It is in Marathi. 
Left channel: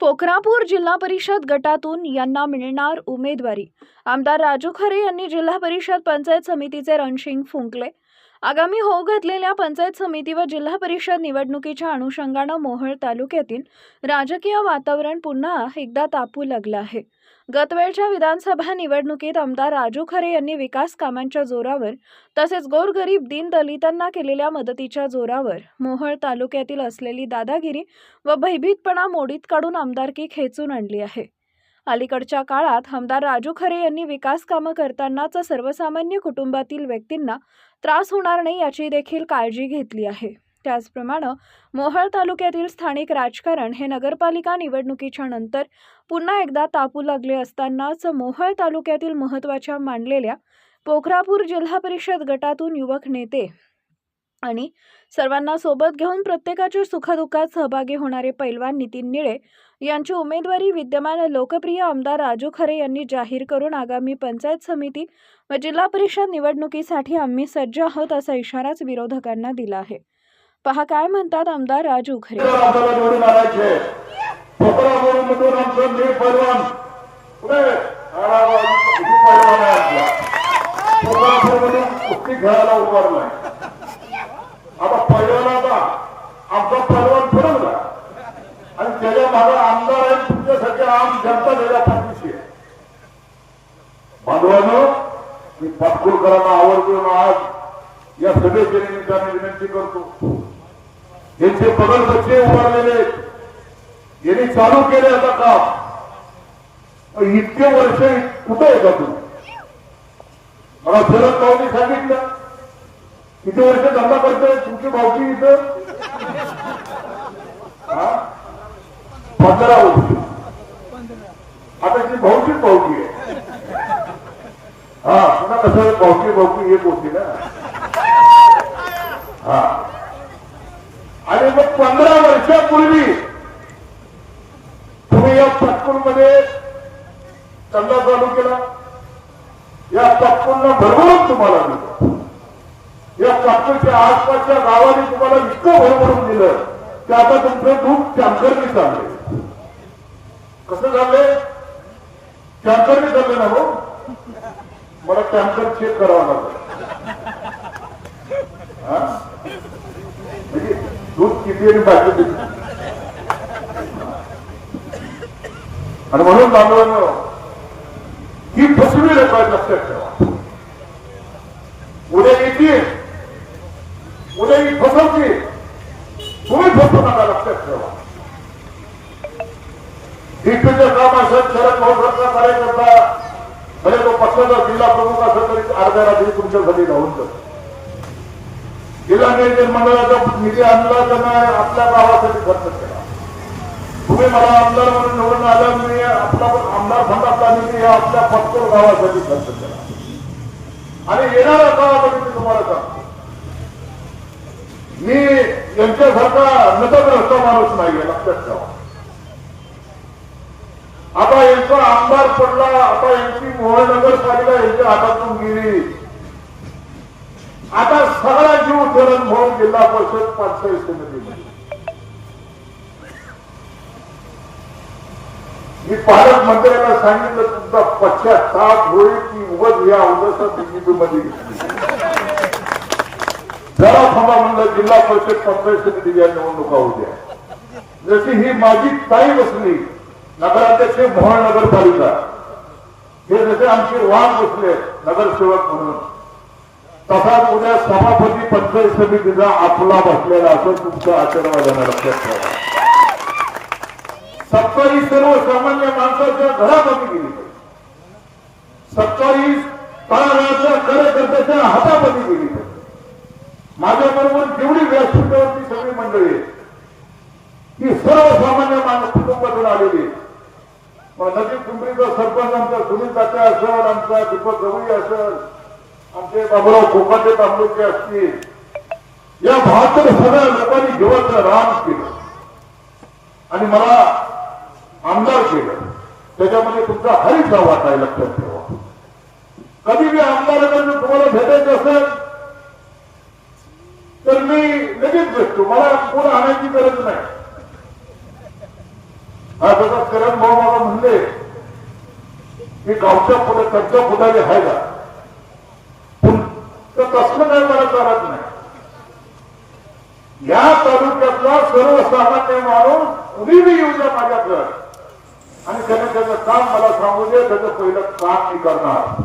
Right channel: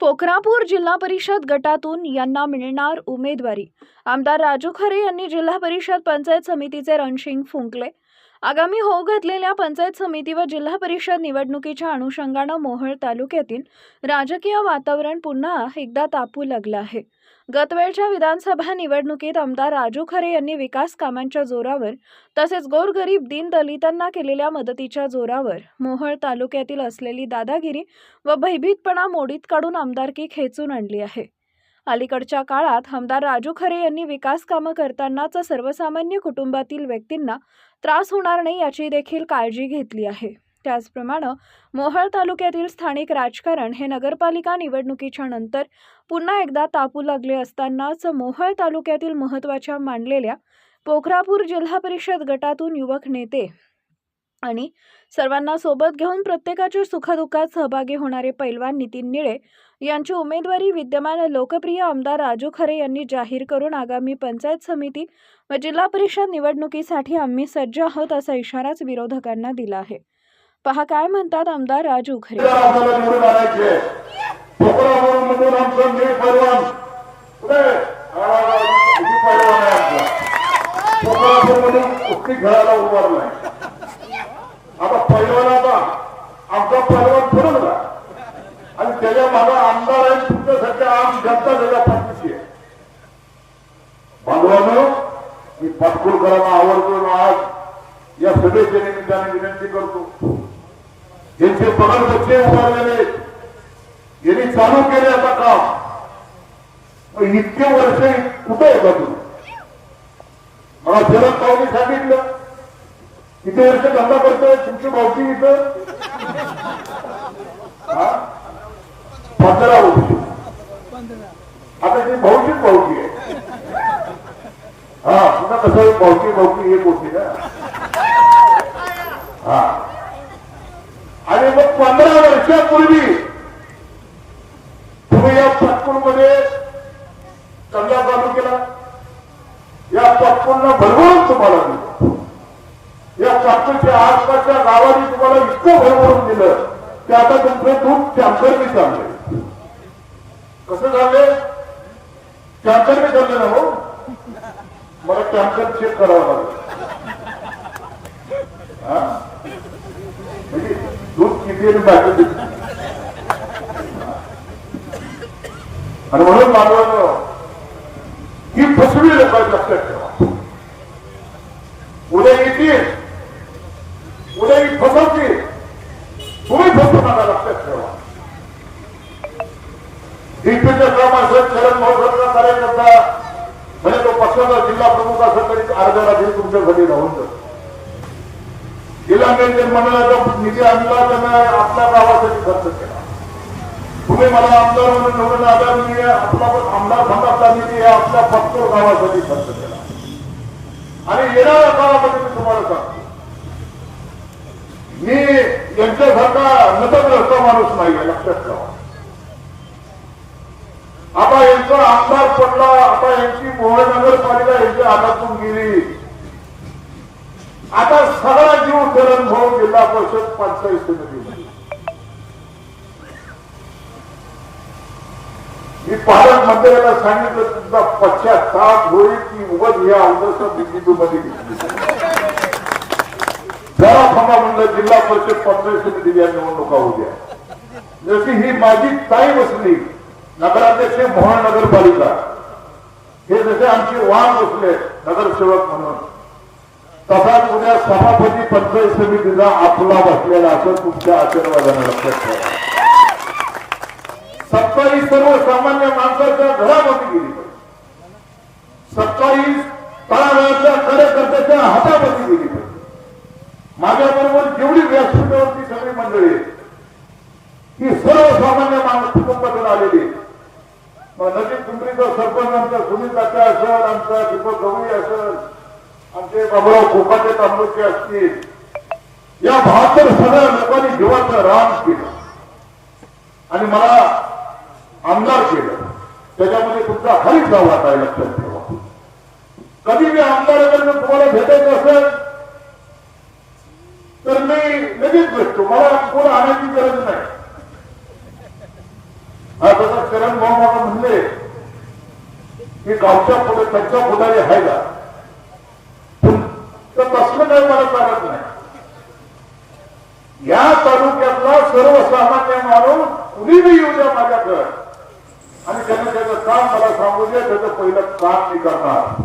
पोखरापूर जिल्हा परिषद गटातून यांना मिळणार उमेदवारी. आमदार राजू खरे यांनी जिल्हा परिषद पंचायत समितीचे रणशिंग फुंकले. आगामी होऊ घातलेल्या पंचायत समिती व जिल्हा परिषद निवडणुकीच्या अनुषंगानं मोहोळ तालुक्यातील राजकीय वातावरण पुन्हा एकदा तापू लागलं आहे. गतवेळच्या विधानसभा निवडणुकीत आमदार राजू खरे यांनी विकास कामांच्या जोरावर तसेच गोरगरीब दीनदलितांना केलेल्या मदतीच्या जोरावर मोहोळ तालुक्यातील असलेली दादागिरी व भयभीतपणा मोडीत काढून आमदारकी खेचून आणली आहे. अलीकडच्या काळात आमदार राजू खरे यांनी विकास कामं करतानाच सर्वसामान्य कुटुंबातील व्यक्तींना त्रास होणार नाही याची देखील काळजी घेतली आहे. त्याचप्रमाणे मोहळ तालुक्यातील स्थानिक राजकारण हे नगरपालिका निवडणुकीच्या नंतर पुन्हा एकदा तापू लागले असतानाच मोहळ तालुक्यातील महत्त्वाच्या मानलेल्या पोखरापूर जिल्हा परिषद गटातून युवक नेते आणि सर्वांना सोबत घेऊन प्रत्येकाच्या सुखदुःखात सहभागी होणारे पैलवान नितीन निळे यांची उमेदवारी विद्यमान लोकप्रिय आमदार राजू खरे यांनी जाहीर करून आगामी पंचायत समिती व जिल्हा परिषद निवडणुकीसाठी आम्ही सज्ज आहोत असा इशाराच विरोधकांना दिला आहे. पहा काय म्हणतात आमदार राजू खरे आता पैलवानाचा आमचा पैलवान आणि त्याच्या आमदार तुमच्यासाठी आम जनता त्याच्या पाठीशी आहे. बांधवानं मी पाटकुळकरांना आज. या सभेच्या निमित्ताने विनंती करतो. यांचे पगडपक्षे उभारलेले यांनी चालू केले आता का इतके वर्ष कुठे आहे का तुम्ही मला शरद पवारनी सांगितलं. किती वर्ष धंदा करतोय? तुमची भावकी इथं? पंधरा वर्ष. आता ती भाऊचीच भावकी आहे. हा तुला कसं भावकी भावकी एक होती ना हा आणि मग पंधरा वर्षापूर्वी तुम्ही या पटपूरमध्ये चंदा चालू केला. या पटपूरनं भरभरून तुम्हाला दिलं. या पटपूरच्या आसपासच्या गावाने तुम्हाला इतकं भरभरून दिलं की आता तुमचं दूध कॅन्सरने चाललंय कसं झालंय? कॅन्सरने चाललं ना हो? मला कॅन्सर चेक करावं लागेल हा? म्हणजे दूध किती आणि आणि म्हणून बांधवांनो ही फसवी लोक लक्षात ठेवा उद्या येतील. उद्या ही फसवतील. तुम्ही फसवू नका लक्षात ठेवा डीपीचं काम असेल शरद महोत्सवचा कार्यकर्ता म्हणजे तो पक्षाचा जिल्हा प्रमुख असेल तरी अर्ध्या रात्री तुमच्या घरी राहून जातो जिल्हा नियोजन मंडळाचा निधी आणला त्यांना आपल्या गावासाठी खर्च केला. तुम्ही मला आमदार म्हणून निवडून आला मी आपला आमदार संघाचा निधी या आपल्या फक्त गावासाठी खर्च केला. आणि येणाऱ्या गावासाठी तुम्हाला सांगतो. मी यांच्यासारखा नतग्रस्त माणूस नाही लक्षात ठेवा. आता यांचा आमदार पडला आता यांची मोहोळ नगरपालिका यांच्या हातातून गेली. आता सगळा जीव धरण म्हणून जिल्हा परिषद पंचायत समिती मी पालक मंत्र्याला सांगितलं तुमचा पश्चाताप होईल की उगत या अवदसा बिंदूमध्ये जरा थांबा म्हणलं जिल्हा परिषद पंचायत समिती या निवडणुका उद्या जशी ही माझी काही बसली नगराध्यक्ष मोहन नगरपालिका. हे जसे आमची वाहन बसले नगरसेवक म्हणून. तसा उद्या सभापती पंचायत समितीचा आपला बसलेला असं तुमच्या आचरणाला लक्षात ठेवा. सत्तारी सर्वसामान्य माणसाच्या घरामध्ये गेली. सत्तारी तळागाळाच्या कार्यकर्त्याच्या हातामध्ये गेली. माझ्याबरोबर जेवढी व्यासपीठावरची सगळी मंडळी ही सर्वसामान्य माणूस कुटुंबातून आलेली मग नदी पिंपरीचा सरपंच आमचा सुनील काका असेल आमचा दीपक गवळी असेल आमचे बाबूराव खोपाटे तालुके असतील. या बहात्तर सगळ्या लोकांनी जीवाचा राम केला. आणि मला आमदार केलं. त्याच्यामध्ये तुमचा हरीच गाव आहे लक्षात ठेवा. कधी मी आमदारांना तुम्हाला भेटायचं असेल तर मी लगेच भेटतो. मला कोण आणायची गरज नाही. आता करण भाऊ मला म्हणले की गावच्या पुढे त्यांच्या पुढारी आहे का पण तर तसलं काही मला चालत नाही या तालुक्यातला सर्वसामान्य माणूस कुणी बी येऊ द्या माझ्याकडं. आणि त्यांनी त्याचं काम मला सांगू दे त्याचं पहिलं काम मी करणार.